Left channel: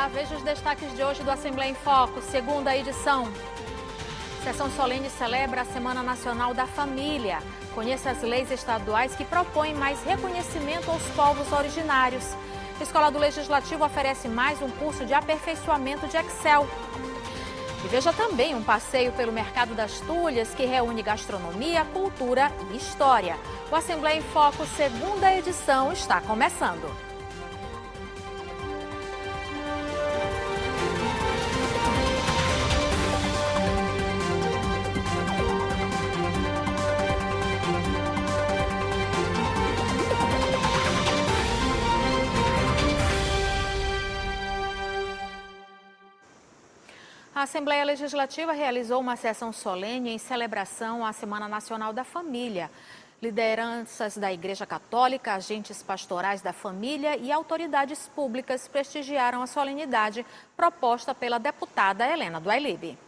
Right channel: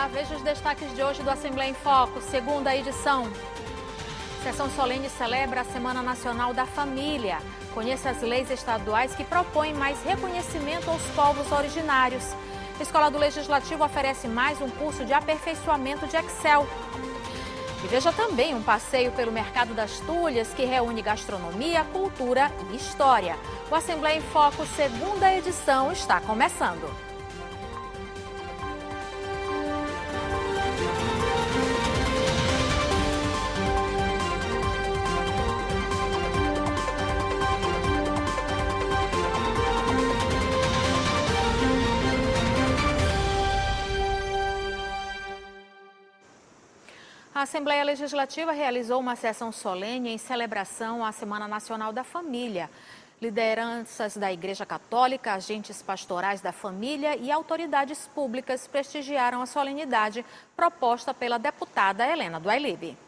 Olá, veja os destaques de hoje do Assembleia em Foco, segunda edição. Sessão solene celebra a Semana Nacional da Família. Conheça as leis estaduais que propõem mais reconhecimento aos povos originários. A Escola do Legislativo oferece mais um curso de aperfeiçoamento de Excel. E veja também um passeio pelo Mercado das Tulhas, que reúne gastronomia, cultura e história. O Assembleia em Foco, segunda edição, está começando. A Assembleia Legislativa realizou uma sessão solene em celebração à Semana Nacional da Família. Lideranças da Igreja Católica, agentes pastorais da família e autoridades públicas prestigiaram a solenidade proposta pela deputada Helena do Ailib.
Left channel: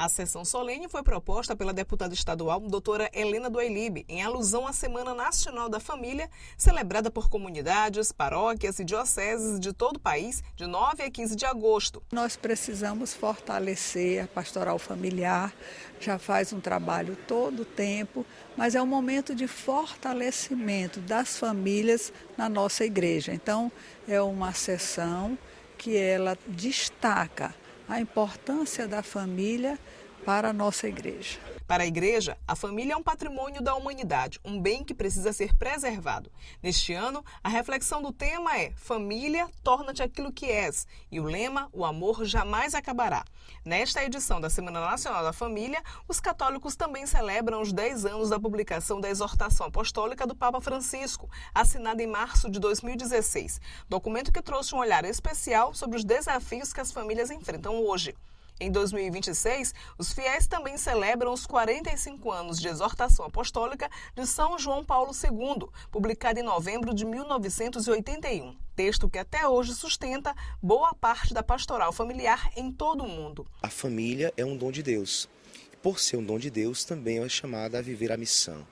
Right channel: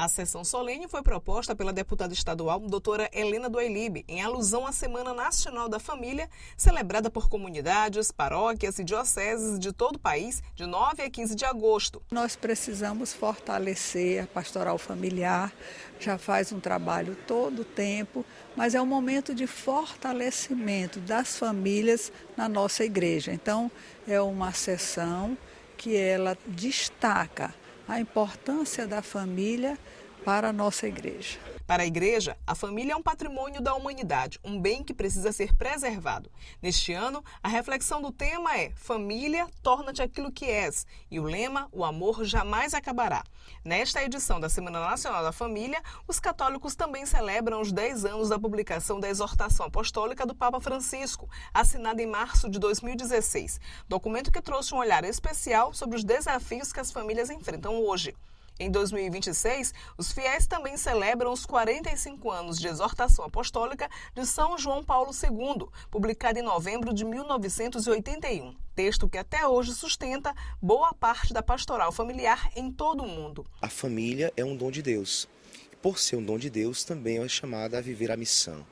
A sessão solene foi proposta pela deputada estadual doutora Helena do Ailib, em alusão à Semana Nacional da Família, celebrada por comunidades, paróquias e dioceses de todo o país, de 9 a 15 de agosto. Nós precisamos fortalecer a pastoral familiar, já faz um trabalho todo o tempo, mas é um momento de fortalecimento das famílias na nossa igreja. Então, é uma sessão que ela destaca a importância da família para a nossa igreja. Para a igreja, a família é um patrimônio da humanidade, um bem que precisa ser preservado. Neste ano, a reflexão do tema é Família, torna-te aquilo que és. E o lema, o amor jamais acabará. Nesta edição da Semana Nacional da Família, os católicos também celebram os 10 anos da publicação da Exortação Apostólica do Papa Francisco, assinada em março de 2016. Documento que trouxe um olhar especial sobre os desafios que as famílias enfrentam hoje. Em 2026, os fiéis também celebram os 45 anos de exortação apostólica de São João Paulo II, publicada em novembro de 1981. Texto que até hoje sustenta boa parte da pastoral familiar em todo o mundo. A família é um dom de Deus. Por ser um dom de Deus, também é chamada a viver a missão.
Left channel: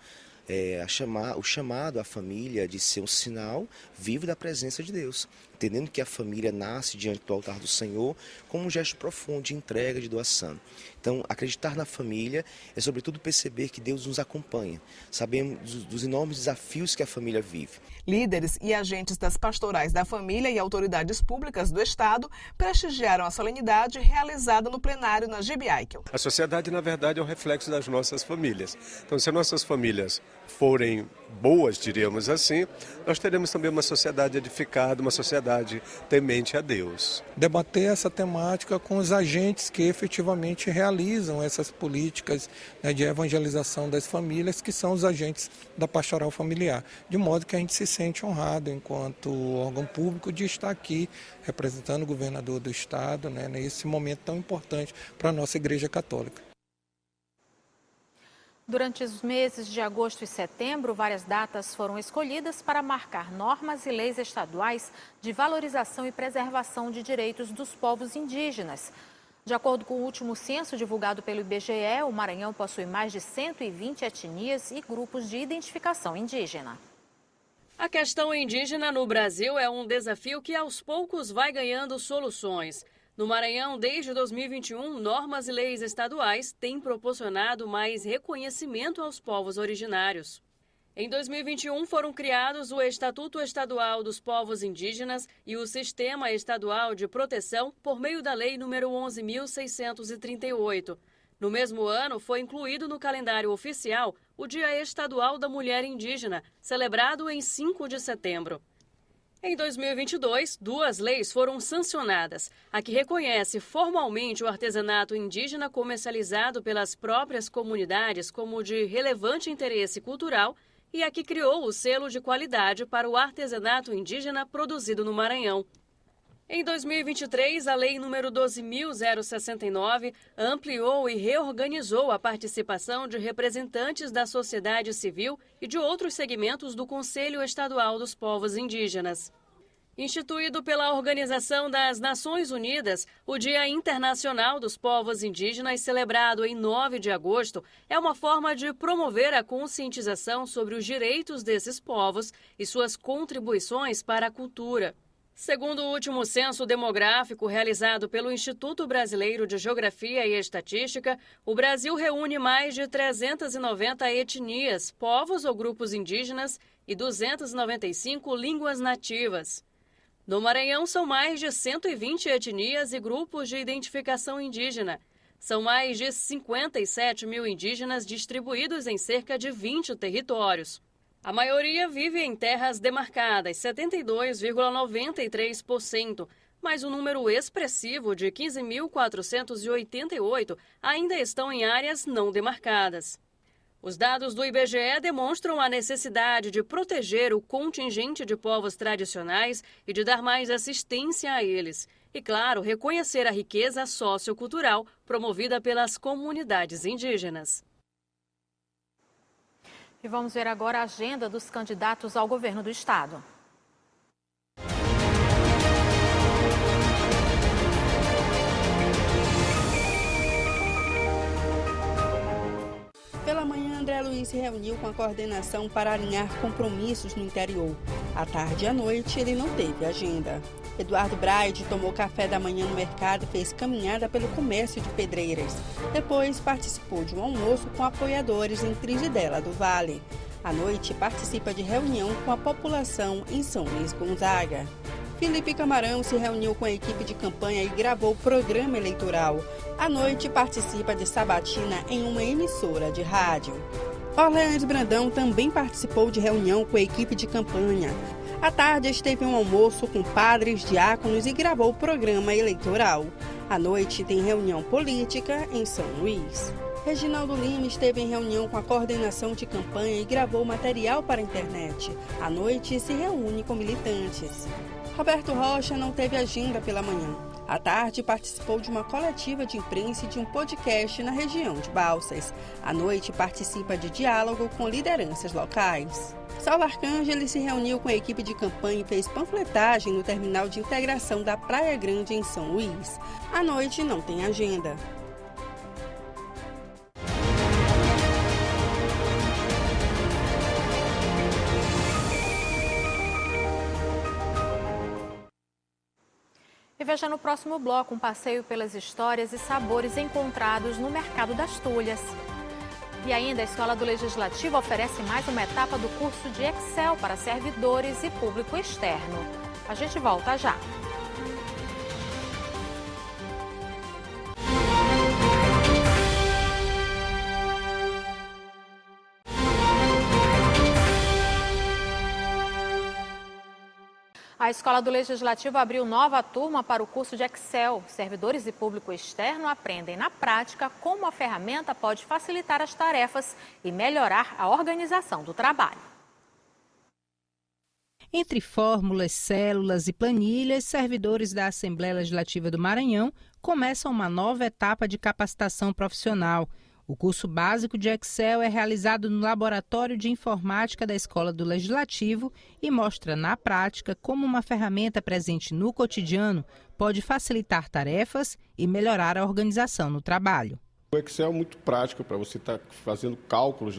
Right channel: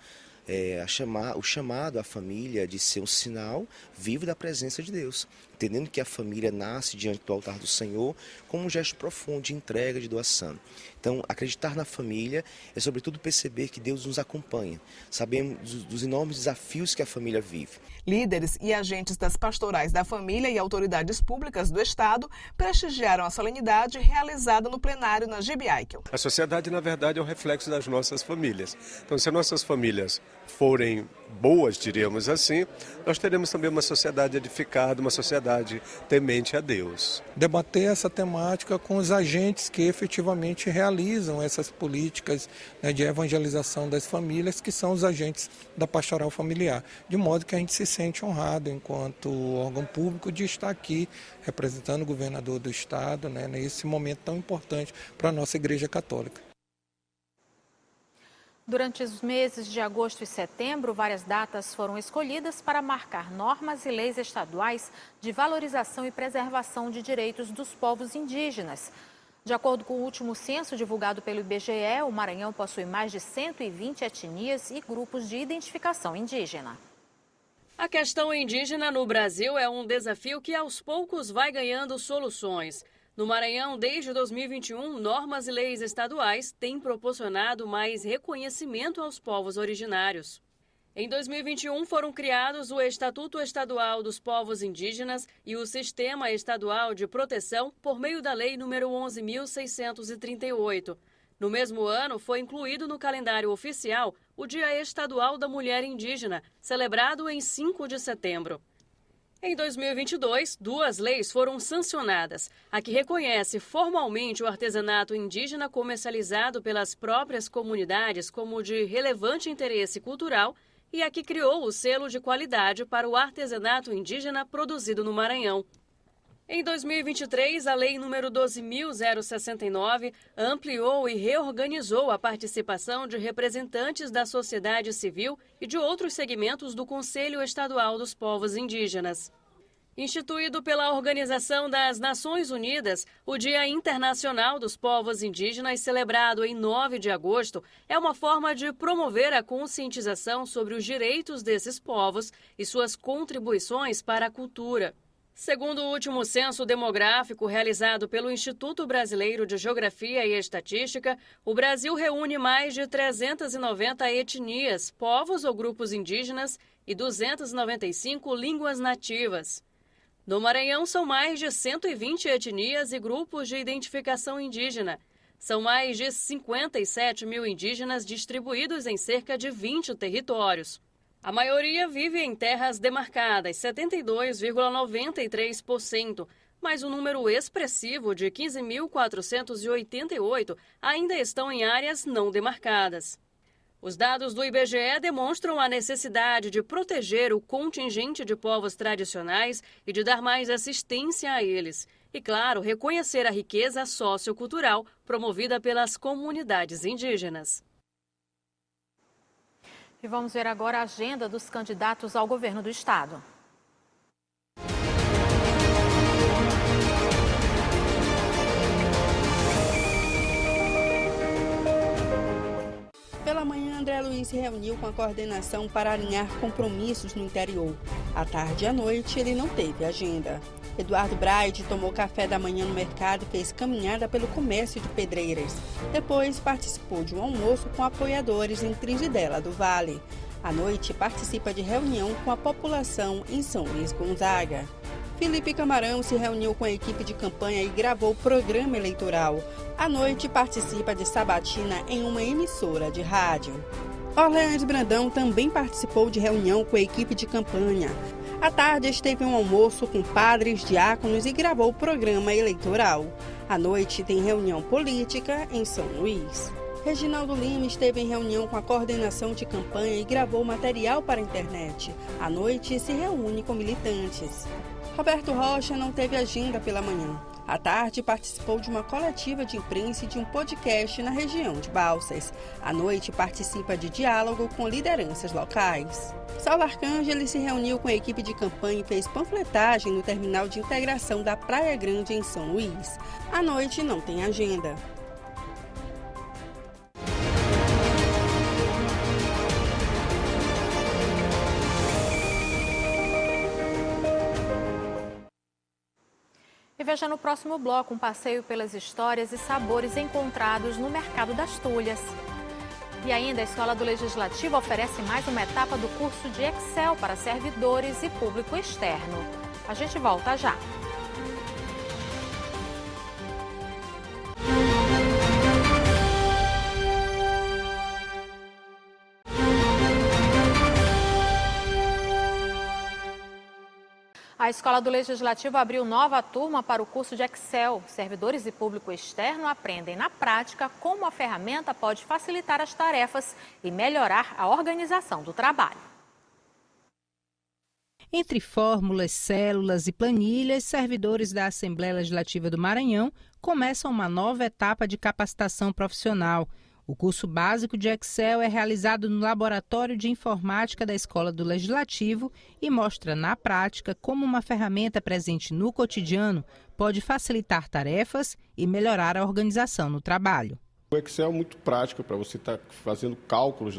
O chamado à família de ser um sinal vivo da presença de Deus, entendendo que a família nasce diante do altar do Senhor como um gesto profundo de entrega, de doação. Então, acreditar na família é sobretudo perceber que Deus nos acompanha, sabemos dos enormes desafios que a família vive. Líderes e agentes das pastorais da família e autoridades públicas do Estado prestigiaram a solenidade realizada no plenário na GB Eichel. A sociedade, na verdade, é um reflexo das nossas famílias. Então, se nossas famílias forem boas, diríamos assim, nós teremos também uma sociedade edificada, uma sociedade temente a Deus. Debater essa temática com os agentes que efetivamente realizam essas políticas, né, de evangelização das famílias, que são os agentes da pastoral familiar, de modo que a gente se sente honrado enquanto órgão público de estar aqui representando o governador do estado, né, nesse momento tão importante para a nossa Igreja Católica. Durante os meses de agosto e setembro, várias datas foram escolhidas para marcar normas e leis estaduais de valorização e preservação de direitos dos povos indígenas. De acordo com o último censo divulgado pelo IBGE, o Maranhão possui mais de 120 etnias e grupos de identificação indígena. A questão indígena no Brasil é um desafio que aos poucos vai ganhando soluções. No Maranhão, desde 2021, normas e leis estaduais têm proporcionado mais reconhecimento aos povos originários. Em 2021, foram criados o Estatuto Estadual dos Povos Indígenas e o Sistema Estadual de Proteção por meio da Lei nº 11.638. No mesmo ano, foi incluído no calendário oficial o Dia Estadual da Mulher Indígena, celebrado em 5 de setembro. Em 2022, 2 leis foram sancionadas. A que reconhece formalmente o artesanato indígena comercializado pelas próprias comunidades como de relevante interesse cultural e a que criou o selo de qualidade para o artesanato indígena produzido no Maranhão. Em 2023, a Lei nº 12.069 ampliou e reorganizou a participação de representantes da sociedade civil e de outros segmentos do Conselho Estadual dos Povos Indígenas. Instituído pela Organização das Nações Unidas, o Dia Internacional dos Povos Indígenas, celebrado em 9 de agosto, é uma forma de promover a conscientização sobre os direitos desses povos e suas contribuições para a cultura. Segundo o último censo demográfico realizado pelo Instituto Brasileiro de Geografia e Estatística, o Brasil reúne mais de 390 etnias, povos ou grupos indígenas e 295 línguas nativas. No Maranhão, são mais de 120 etnias e grupos de identificação indígena. São mais de 57 mil indígenas distribuídos em cerca de 20 territórios. A maioria vive em terras demarcadas, 72,93%, mas um número expressivo de 15.488 ainda estão em áreas não demarcadas. Os dados do IBGE demonstram a necessidade de proteger o contingente de povos tradicionais e de dar mais assistência a eles. E, claro, reconhecer a riqueza sociocultural promovida pelas comunidades indígenas. E vamos ver agora a agenda dos candidatos ao governo do estado. Pela manhã, André Luiz se reuniu com a coordenação para alinhar compromissos no interior. À tarde e à noite, ele não teve agenda. Eduardo Braide tomou café da manhã no mercado e fez caminhada pelo comércio de Pedreiras. Depois, participou de um almoço com apoiadores em Trigidela do Vale. À noite, participa de reunião com a população em São Luís Gonzaga. Felipe Camarão se reuniu com a equipe de campanha e gravou o programa eleitoral. À noite, participa de sabatina em uma emissora de rádio. Orleans Brandão também participou de reunião com a equipe de campanha. À tarde, esteve em um almoço com padres, diáconos e gravou o programa eleitoral. À noite, tem reunião política em São Luís. Reginaldo Lima esteve em reunião com a coordenação de campanha e gravou material para a internet. À noite, se reúne com militantes. Roberto Rocha não teve agenda pela manhã. À tarde, participou de uma coletiva de imprensa e de um podcast na região de Balsas. À noite, participa de diálogo com lideranças locais. Saulo Arcângeli se reuniu com a equipe de campanha e fez panfletagem no terminal de integração da Praia Grande, em São Luís. À noite, não tem agenda. E veja no próximo bloco um passeio pelas histórias e sabores encontrados no Mercado das Tulhas. E ainda a Escola do Legislativo oferece mais uma etapa do curso de Excel para servidores e público externo. A gente volta já. A Escola do Legislativo abriu nova turma para o curso de Excel. Servidores e público externo aprendem na prática como a ferramenta pode facilitar as tarefas e melhorar a organização do trabalho. Entre fórmulas, células e planilhas, servidores da Assembleia Legislativa do Maranhão começam uma nova etapa de capacitação profissional. O curso básico de Excel é realizado no Laboratório de Informática da Escola do Legislativo e mostra na prática como uma ferramenta presente no cotidiano pode facilitar tarefas e melhorar a organização no trabalho. O Excel é muito prático para você estar fazendo cálculos,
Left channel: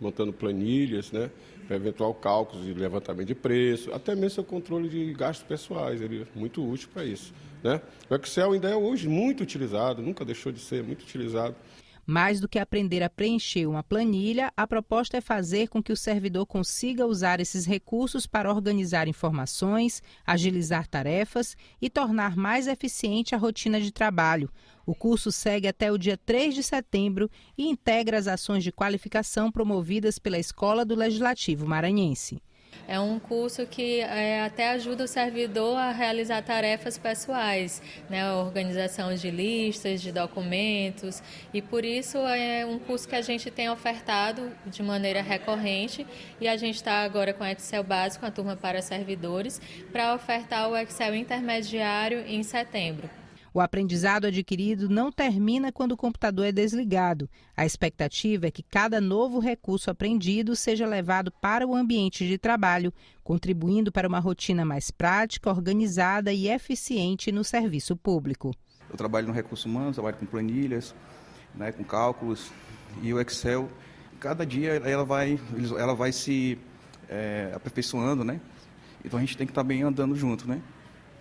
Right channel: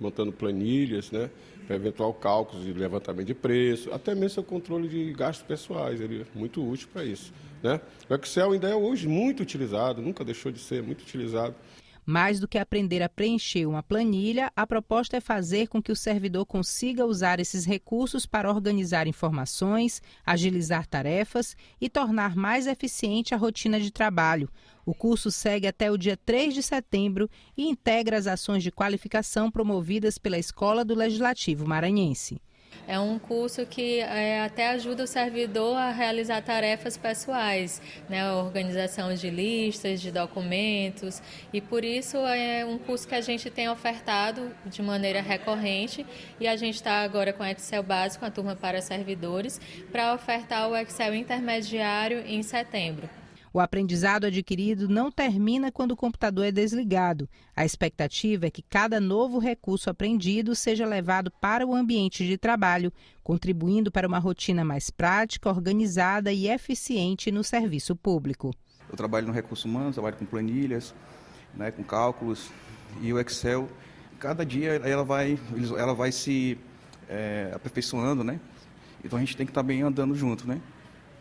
montando planilhas, para eventual cálculos de levantamento de preço, até mesmo o controle de gastos pessoais, ele é muito útil para isso. O Excel ainda é hoje muito utilizado, nunca deixou de ser muito utilizado. Mais do que aprender a preencher uma planilha, a proposta é fazer com que o servidor consiga usar esses recursos para organizar informações, agilizar tarefas e tornar mais eficiente a rotina de trabalho. O curso segue até o dia 3 de setembro e integra as ações de qualificação promovidas pela Escola do Legislativo Maranhense. É um curso que até ajuda o servidor a realizar tarefas pessoais, a organização de listas, de documentos, e por isso é um curso que a gente tem ofertado de maneira recorrente e a gente está agora com o Excel básico, a turma para servidores, para ofertar o Excel intermediário em setembro. O aprendizado adquirido não termina quando o computador é desligado. A expectativa é que cada novo recurso aprendido seja levado para o ambiente de trabalho, contribuindo para uma rotina mais prática, organizada e eficiente no serviço público. Eu trabalho no recurso humano, trabalho com planilhas, com cálculos, e o Excel, cada dia ela vai se aperfeiçoando, Então a gente tem que estar bem andando junto,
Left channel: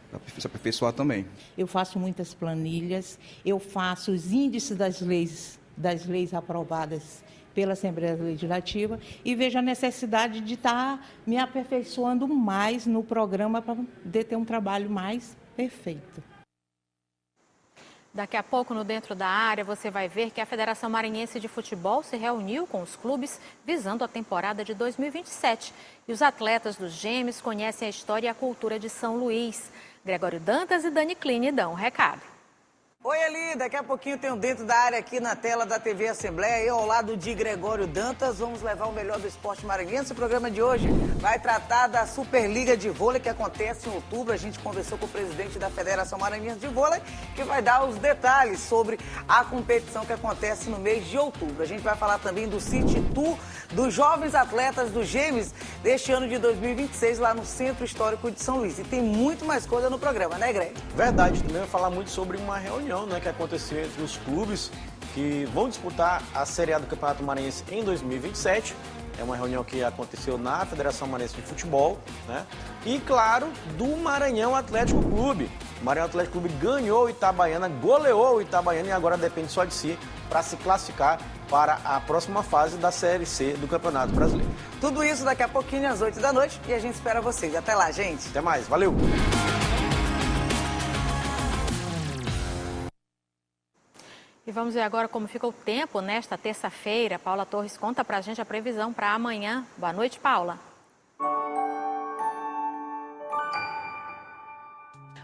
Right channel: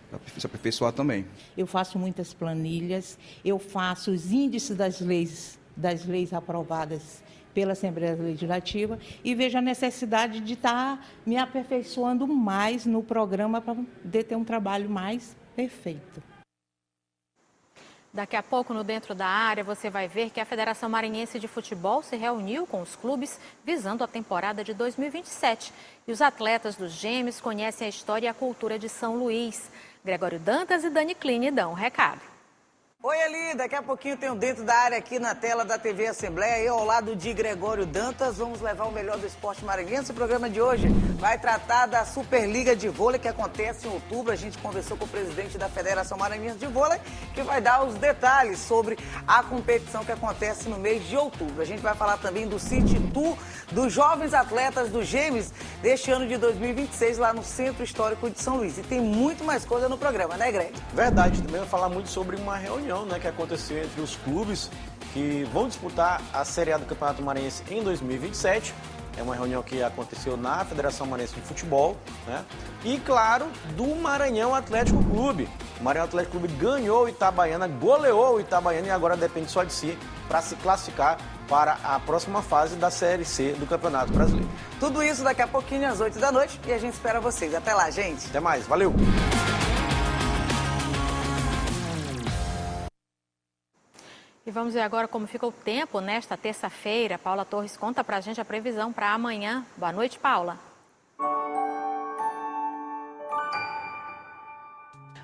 para se aperfeiçoar também. Eu faço muitas planilhas, eu faço os índices das leis aprovadas pela Assembleia Legislativa e vejo a necessidade de estar me aperfeiçoando mais no programa para poder ter um trabalho mais perfeito. Daqui a pouco, no Dentro da Área, você vai ver que a Federação Maranhense de Futebol se reuniu com os clubes visando a temporada de 2027. E os atletas dos Gêmeos conhecem a história e a cultura de São Luís. Gregório Dantas e Dani Kline dão um recado. Oi, Ali, daqui a pouquinho tem o Dentro da Área aqui na tela da TV Assembleia. Eu, ao lado de Gregório Dantas, vamos levar o melhor do esporte maranhense. O programa de hoje vai tratar da Superliga de Vôlei que acontece em outubro. A gente conversou com o presidente da Federação Maranhense de Vôlei, que vai dar os detalhes sobre a competição que acontece no mês de outubro. A gente vai falar também do City Tour dos jovens atletas dos Gêmeos deste ano de 2026 lá no Centro Histórico de São Luís. E tem muito mais coisa no programa, né, Greg? Verdade, também vai falar muito sobre uma reunião, né, que aconteceu entre os clubes que vão disputar a Série A do Campeonato Maranhense em 2027. É uma reunião que aconteceu na Federação Maranhense de Futebol, né? E, claro, do Maranhão Atlético Clube. O Maranhão Atlético Clube ganhou o Itabaiana, goleou o Itabaiana e agora depende só de si para se classificar para a próxima fase da Série C do Campeonato Brasileiro. Tudo isso daqui a pouquinho, às 8 da noite, e a gente espera vocês. Até lá, gente. Até mais, valeu! E vamos ver agora como fica o tempo nesta terça-feira. Paula Torres conta pra gente a previsão para amanhã. Boa noite, Paula.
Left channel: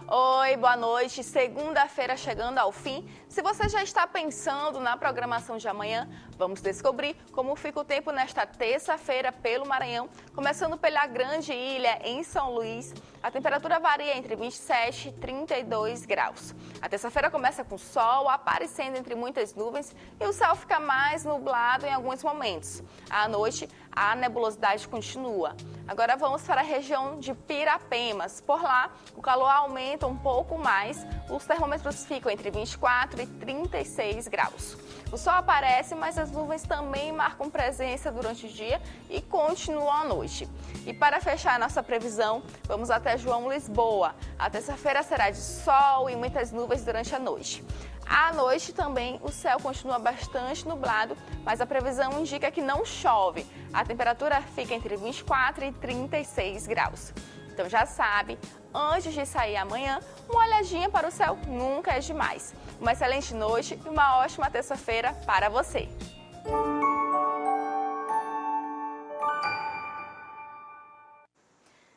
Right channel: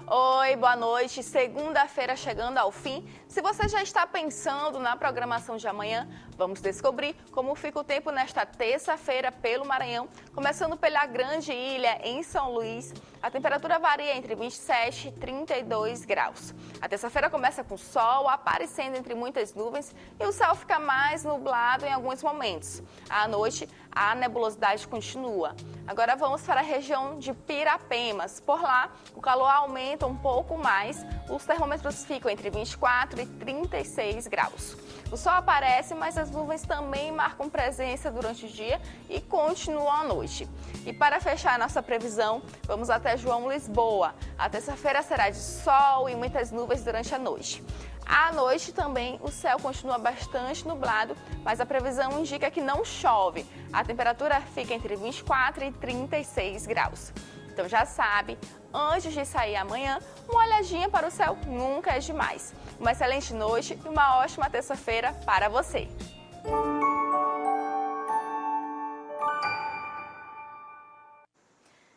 Oi, boa noite. Segunda-feira chegando ao fim. Se você já está pensando na programação de amanhã, vamos descobrir como fica o tempo nesta terça-feira pelo Maranhão. Começando pela Grande Ilha, em São Luís, a temperatura varia entre 27 e 32 graus. A terça-feira começa com sol aparecendo entre muitas nuvens e o céu fica mais nublado em alguns momentos. À noite, a nebulosidade continua. Agora vamos para a região de Pirapemas. Por lá, o calor aumenta um pouco mais. Os termômetros ficam entre 24 e 36 graus. O sol aparece, mas as nuvens também marcam presença durante o dia e continuam à noite. E para fechar nossa previsão, vamos até João Lisboa. A terça-feira será de sol e muitas nuvens durante a noite. À noite também o céu continua bastante nublado, mas a previsão indica que não chove. A temperatura fica entre 24 e 36 graus. Então já sabe, antes de sair amanhã, uma olhadinha para o céu nunca é demais. Uma excelente noite e uma ótima terça-feira para você.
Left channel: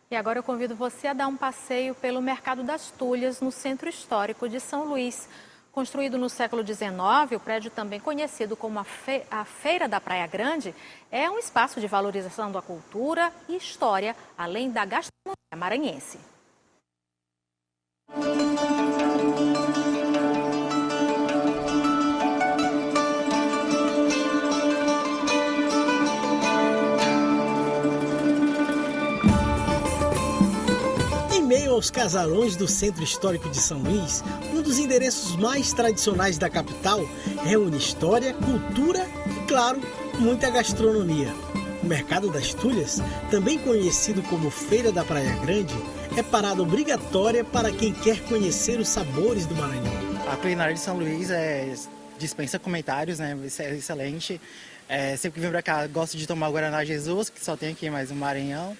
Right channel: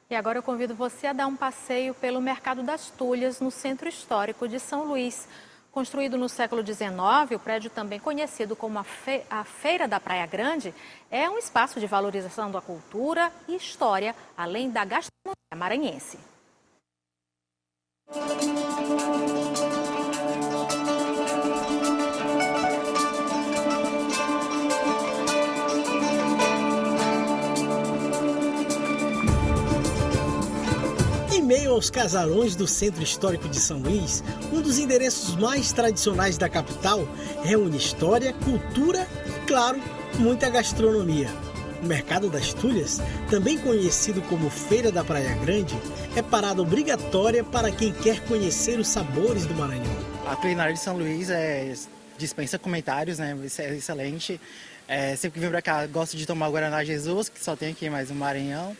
E agora eu convido você a dar um passeio pelo Mercado das Tulhas, no Centro Histórico de São Luís. Construído no século XIX, o prédio também conhecido como a Feira da Praia Grande é um espaço de valorização da cultura e história, além da gastronomia maranhense. Em meio aos casarões do Centro Histórico de São Luís, um dos endereços mais tradicionais da capital, reúne história, cultura e, claro, muita gastronomia. O Mercado das Tulhas, também conhecido como Feira da Praia Grande, é parada obrigatória para quem quer conhecer os sabores do Maranhão. A culinária de São Luís dispensa comentários, né? É excelente. Sempre que vem pra cá, gosto de tomar Guaraná Jesus, que só tem aqui mais no Maranhão.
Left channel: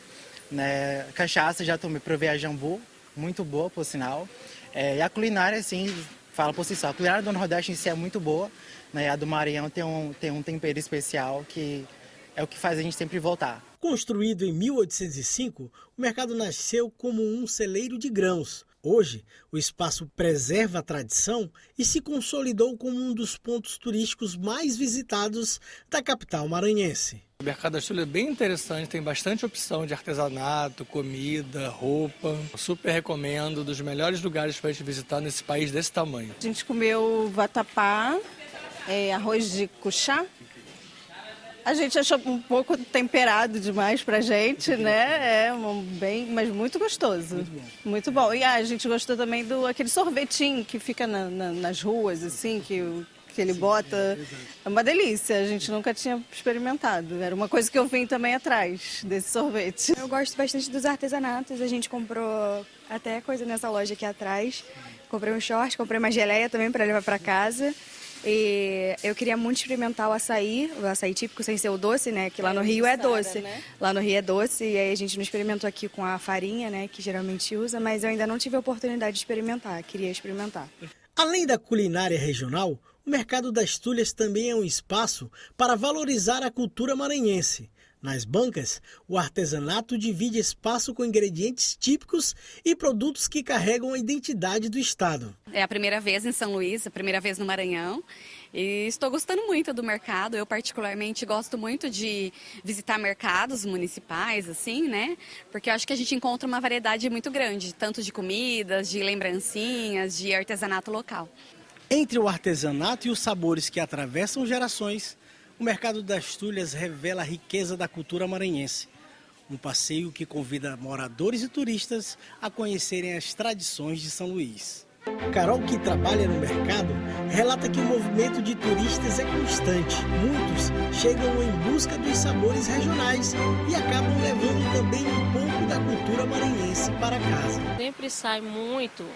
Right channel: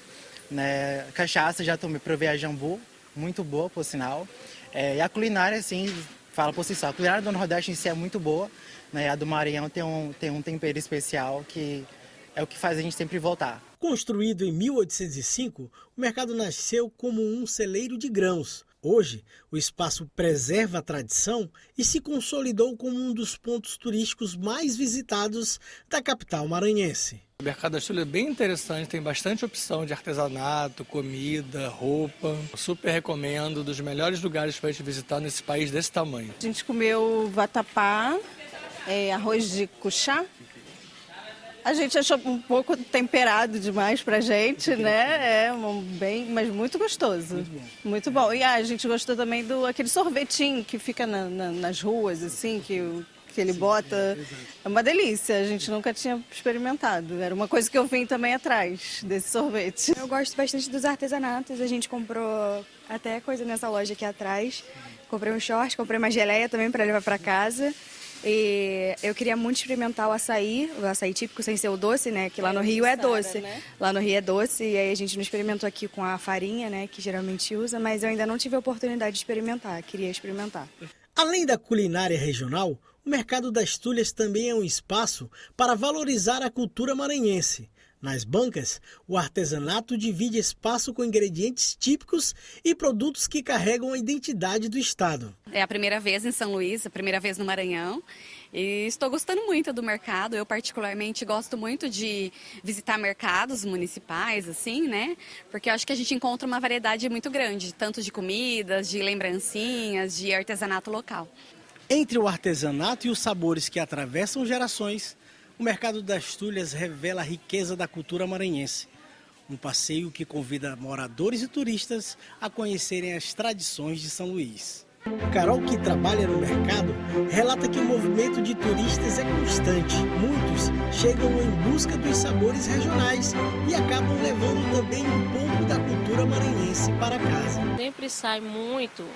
Né? Cachaça, já tomei, provei a Jambu, muito boa, por sinal. E a culinária, assim, fala por si só. A culinária do Nordeste em si é muito boa, né? A do Maranhão tem um tempero especial que é o que faz a gente sempre voltar. Construído em 1805, o mercado nasceu como um celeiro de grãos. Hoje, o espaço preserva a tradição e se consolidou como um dos pontos turísticos mais visitados da capital maranhense. O Mercado das Tulhas é bem interessante, tem bastante opção de artesanato, comida, roupa. Super recomendo, dos melhores lugares para a gente visitar nesse país desse tamanho. A gente comeu vatapá, arroz de cuchá. A gente achou um pouco temperado demais pra gente, né? Mas muito gostoso. Muito bom. E a gente gostou também aquele sorvetinho que fica nas ruas, assim, que ele bota. É uma delícia, a gente nunca tinha experimentado. Era uma coisa que eu vim também atrás desse sorvete. Eu gosto bastante dos artesanatos. A gente comprou até coisa nessa loja aqui atrás. Comprei um short, comprei uma geleia também para levar para casa. E eu queria muito experimentar o açaí típico sem ser o doce, né? Que lá no Rio é doce. Né? Lá no Rio é doce e aí a gente não experimentou aqui com a farinha, né? Que geralmente usa, mas eu ainda não tive a oportunidade de experimentar, queria experimentar. Além da culinária regional, o Mercado das Tulhas também é um espaço para valorizar a cultura maranhense. Nas bancas, o artesanato divide espaço com ingredientes típicos e produtos que carregam a identidade do estado. É a primeira vez em São Luís, a primeira vez no Maranhão. E estou gostando muito do mercado. Eu particularmente gosto muito de visitar mercados municipais, assim, né? Porque eu acho que a gente encontra uma variedade muito grande, tanto de comidas, de lembrancinhas, de artesanato local. Entre o artesanato e os sabores que atravessam gerações, o Mercado das Tulhas revela a riqueza da cultura maranhense. Um passeio que convida moradores e turistas a conhecerem as tradições de São Luís. Carol, que trabalha no mercado, relata que o movimento de turistas é constante. Muitos chegam em busca dos sabores regionais e acabam levando também um pouco da cultura maranhense para casa. Sempre sai muito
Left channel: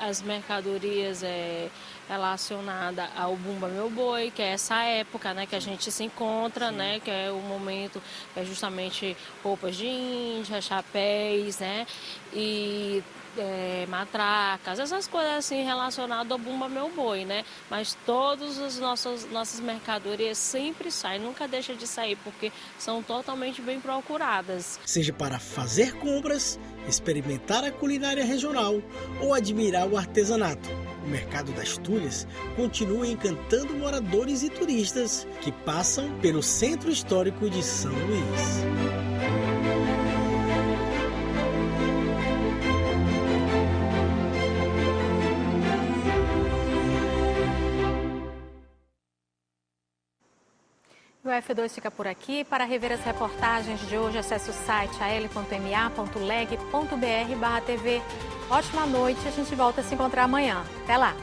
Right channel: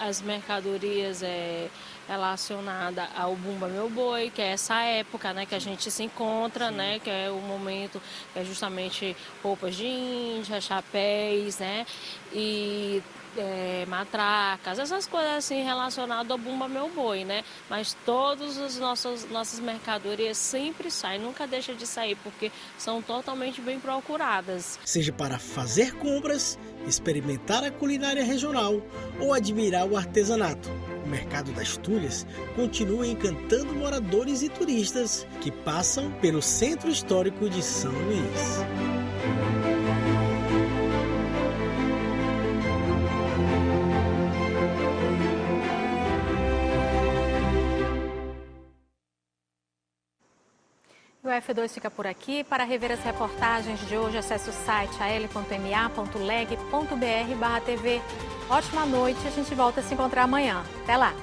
as mercadorias relacionada ao Bumba Meu Boi, que é essa época, né, que a gente se encontra, né, que é o momento, justamente roupas de índia, chapéus, né, e matracas, essas coisas assim relacionadas ao Bumba Meu Boi, né, mas todas as nossas mercadorias sempre saem, nunca deixa de sair, porque são totalmente bem procuradas. Seja para fazer compras, experimentar a culinária regional ou admirar o artesanato, o Mercado das Tulhas continua encantando moradores e turistas que passam pelo Centro Histórico de São Luís. O F2 fica por aqui. Para rever as reportagens de hoje, acesse o site al.ma.leg.br/tv. Ótima noite, a gente volta a se encontrar amanhã. Até lá!